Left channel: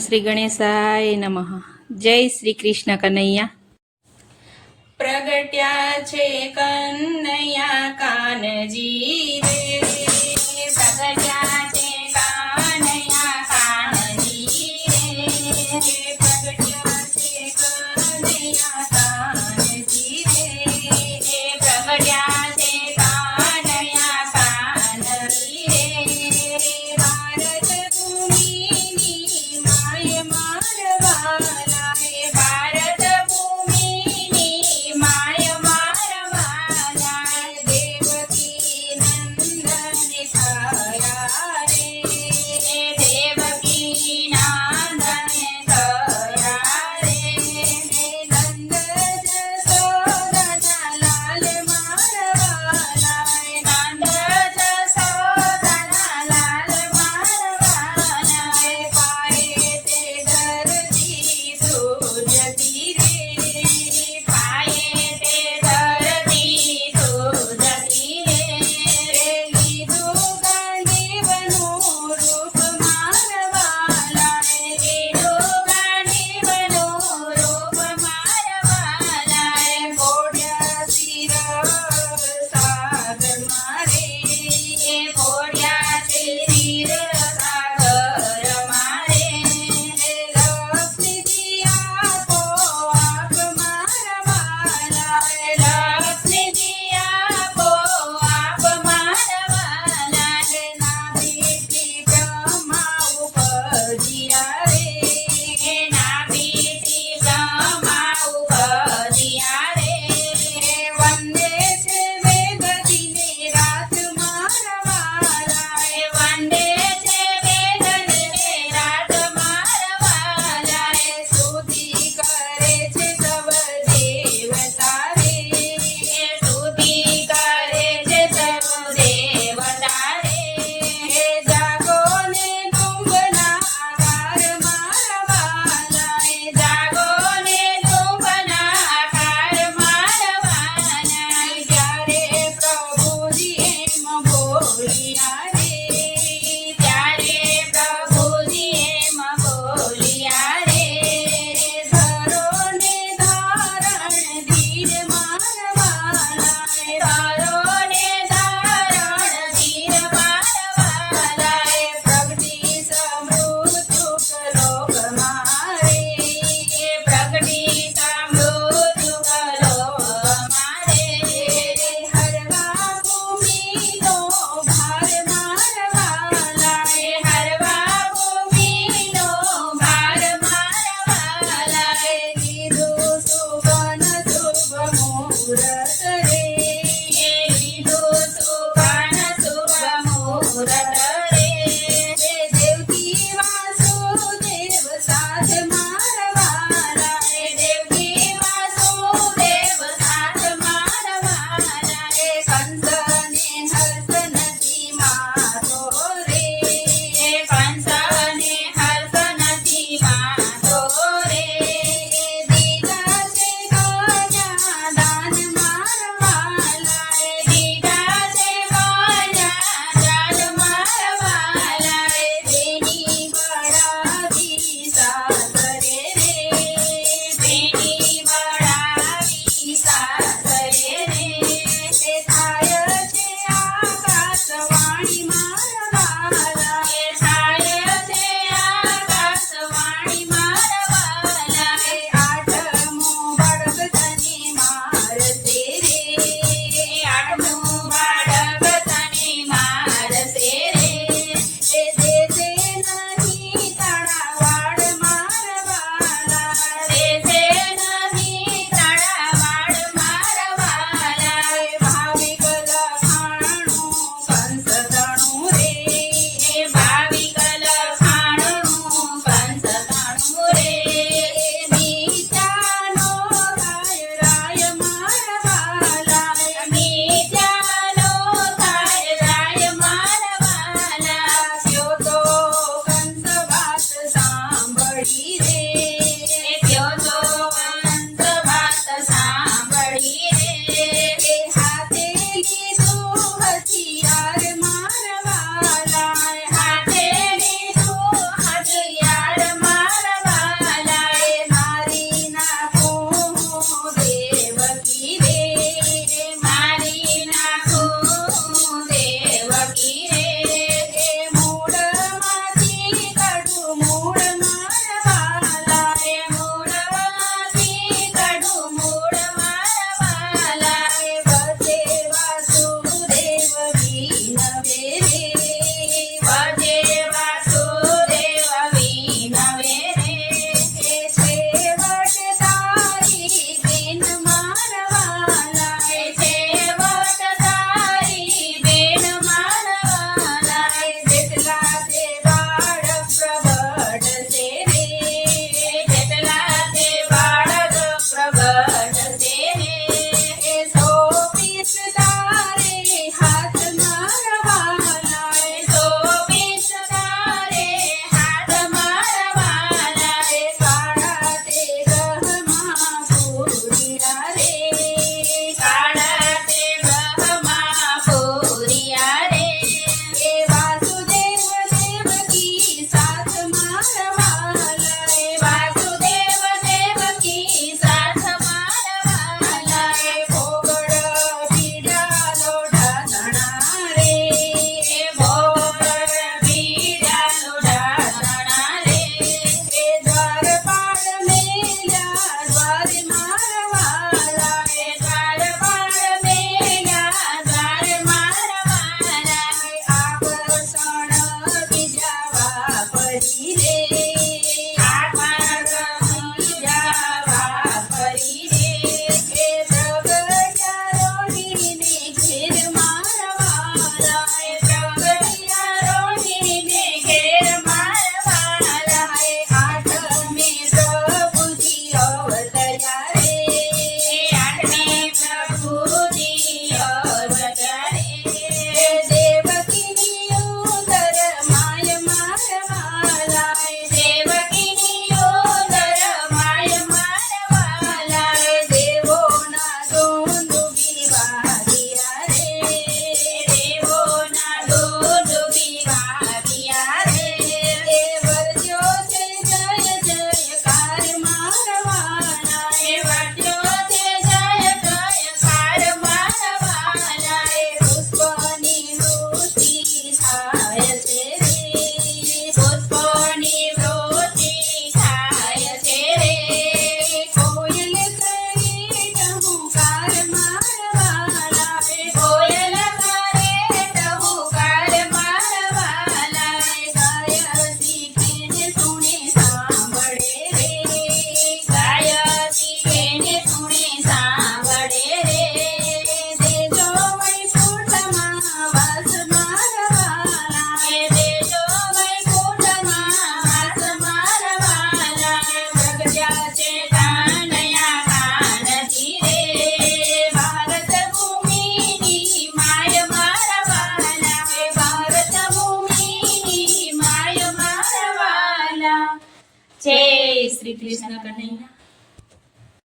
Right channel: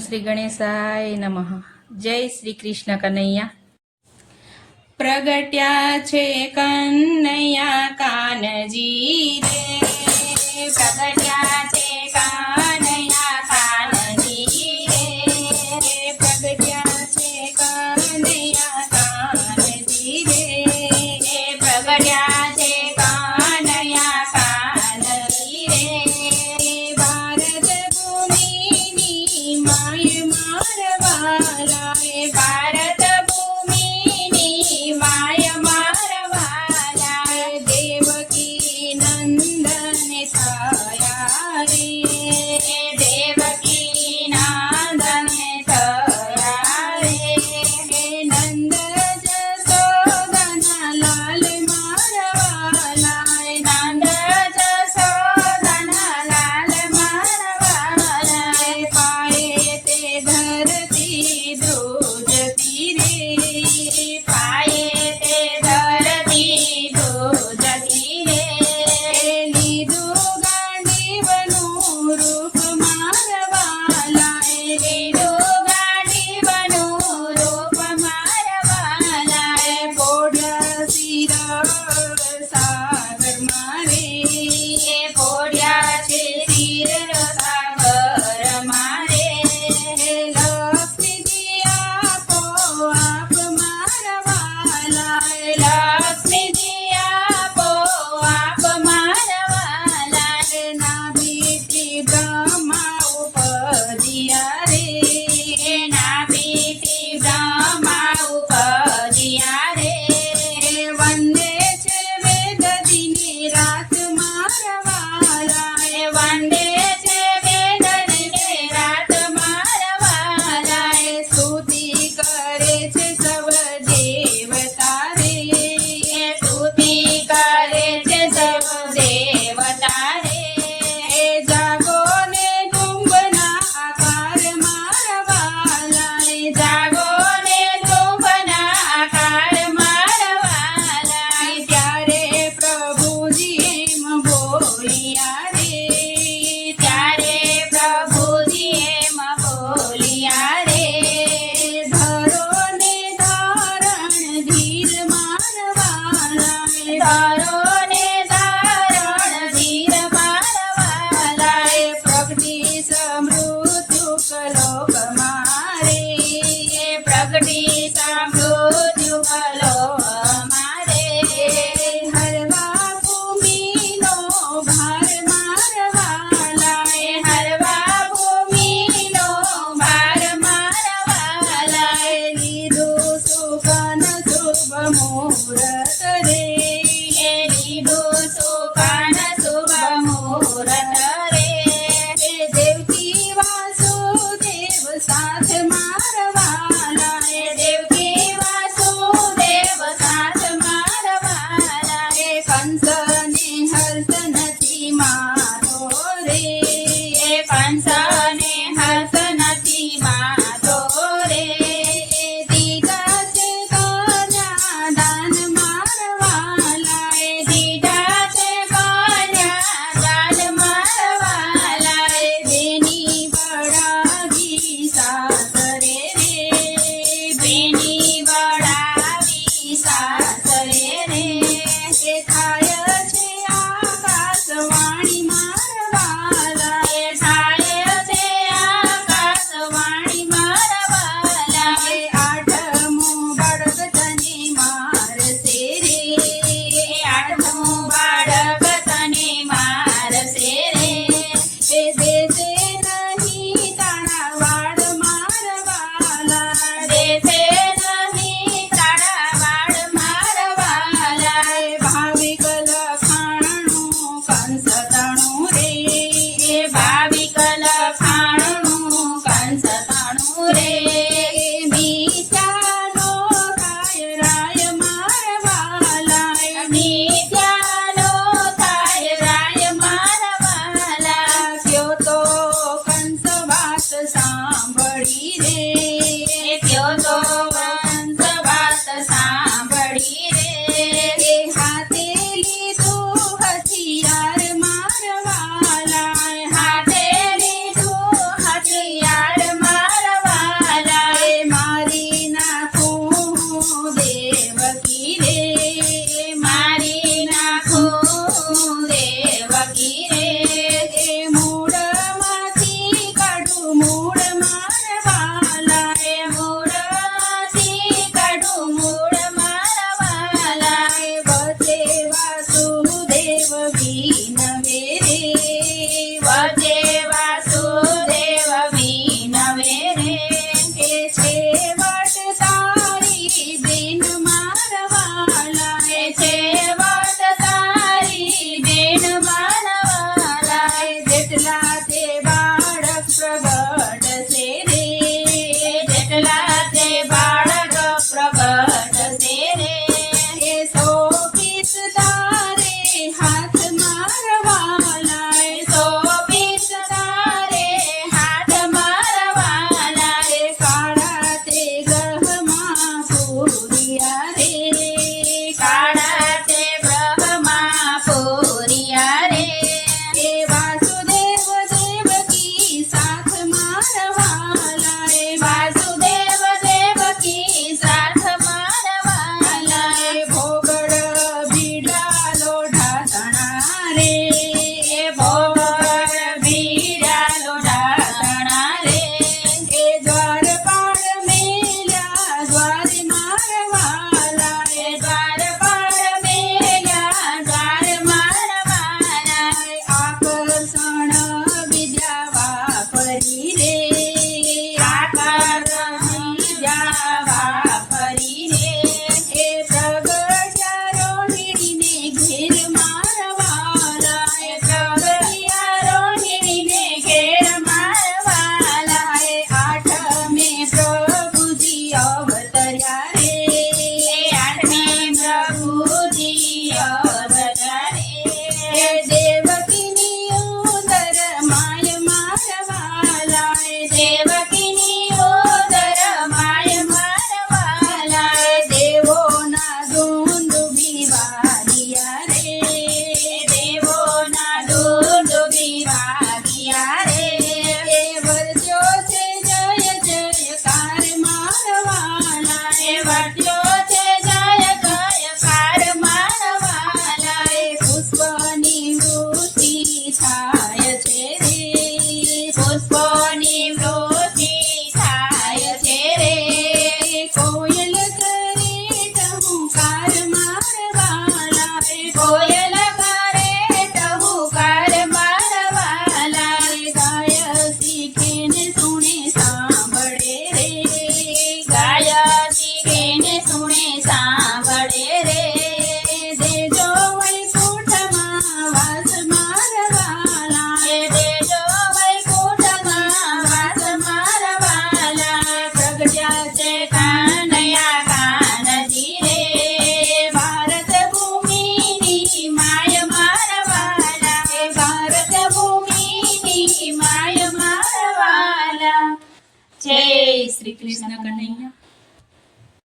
શ્રી ગણેશાય નમઃ. જય શ્રી કૃષ્ણ કનૈયા. પ્રગટ્યા છે કનૈયા કાનજી રે, પ્રગટ્યા છે કનૈયા કાનજી રે, પ્રગટ્યા છે કનૈયા કાનજી રે, પ્રગટ્યા છે કનૈયા કાનજી રે. ભારત ભૂમિની માય મારવાલા, ભારત ભૂમિની માય મારવાલા, દેવકી નંદન થયા રે, દેવકી નંદન થયા રે. નંદ જશોદના લાલ મારવાલા, નંદ જશોદના લાલ મારવાલા, પાયે તે ધરતી ધ્રુજતી રે, પાયે તે ધરતી ધ્રુજતી રે. લીધું ગાંડીવનું રૂપ મારવાલા, લીધું ગાંડીવનું રૂપ મારવાલા, પોઢ્યા શિર સાગર મારે, પોઢ્યા છે શિર સાગર મારે. લક્ષ્મીજી આપો આપ મારવાલા, લક્ષ્મીજી આપો આપ મારવાલા, નાભીથી બ્રહ્મા ઉપજ્યા રે, નાભીથી બ્રહ્મા ઉપજ્યા રે. વંદે છે વેદ દિને રાત મારવાલા, વંદે છે વેદ દિને રાત મારવાલા, સ્તુતિ કરે છે સબ દેવતા રે, સ્તુતિ કરે છે સબ દેવતા રે. જાગો ને કુંભના આકાર મારવાલા, જાગો ને કુંભના આકાર મારવાલા, ત્યારે પ્રભુજી એમ બોલ્યા રે, ત્યારે પ્રભુજી એમ બોલ્યા રે. ધરો ને ધારણ ધીર મારવાલા, ધરો ને ધારણ ધીર મારવાલા, પ્રગટી સમૃદ્ધુ કલોક મારે, પ્રગટી સમૃદ્ધુ કલોક મારે. હરવા ભૂમિનો ભાર મારવાલા, હરવા ભૂમિનો ભાર મારવાલા, લીધું સુવન શુભ મુહૂર્ત રે, લીધું સુવન શુભ મુહૂર્ત રે. દેવકી વાસુદેવ સાથ મારવાલા, દેવકી વાસુદેવ સાથ મારવાલા, કંસને હર્ષ નથી માતો રે, કંસને હર્ષ નથી માતો રે. દીધા છે કન્યા દાન મારવાલા, દીધા છે કન્યા દાન મારવાલા, બેની વડાવી સાસરે રે, બેની વડાવી સાસરે રે. થાય છે આકાશવાણી મારવાલા, થાય છે આકાશવાણી મારવાલા, આઠમું બાળક તને મારશે રે, આઠમું બાળક તને મારશે રે. દેશે નહીં તારા વાડ મારવાલા, દેશે નહીં તારા વાડ મારવાલા, ભાવિક લખાણું કંસ તણું રે, ભાવિક લખાણું કંસ તણું રે. મિથ્યાનો થાય રાય મારવાલા, મિથ્યાનો થાય રાય મારવાલા, ક્યો તો કંસ વાત સાંભળી રે, ક્યો તો કંસ વાત સાંભળી રે. હાથે લીધું હથિયાર મારવાલા, હાથે લીધું હથિયાર મારવાલા, પૂરિયા રે કાળા તે બ્રહ્મા પૂરિયા રે એ વાસુદેવ દેવકી સાથ મારવાલા એ વાસુદેવ દેવકી સાથ મારવાલા એ ભોગડ ભીડા લોઢા તણા રે એ ભોગડ ભીડા લોઢા તણા રે એ દ્વારપાળ મેલ્યા દ્વાર મારવાલા એ દ્વારપાળ મેલ્યા દ્વાર મારવાલા આકર્ષણ વિદ્યા વાપરી રે આકર્ષણ વિદ્યા વાપરી રે એ પ્રગટ્યા રોહિણીને ઘેર મારવાલા એ પ્રગટ્યા રોહિણીને ઘેર મારવાલા એ આઠમે પ્રભુજી અવતર્યા રે આઠમે પ્રભુજી અવતર્યા રે દેવકીની ઉદર માય મારવાલા દેવકીની ઉદર માય મારવાલા દેવોના દુંદુભી વાગ્યા રે દેવોના દુંદુભી વાગ્યા રે એ વર્ત્યો છે જય જયકાર મારવાલા એ વર્ત્યો છે જય જયકાર મારવાલા એ પુષ્પની વૃષ્ટિ થાય છે રે પુષ્પની વૃષ્ટિ થાય છે રે કોયલ કરે ટહુકાર મારવાલા એ કોયલ કરે ટહુકાર મારવાલા એ ગાય શીખીને સુણે સાંભળે રે ગાય શીખીને સુણે સાંભળે રે દેજો વૈકુંઠમાં વાસ મારવાલા એ દેજો વૈકુંઠમાં વાસ મારવાલા પ્રગટ્યા છે કાનૈયા કાનજી રે ભારત ભૂમિની માય મારવાલા એ ભારત ભૂમિની માય મારવાલા જય શ્રી કૃષ્ણ કનૈયા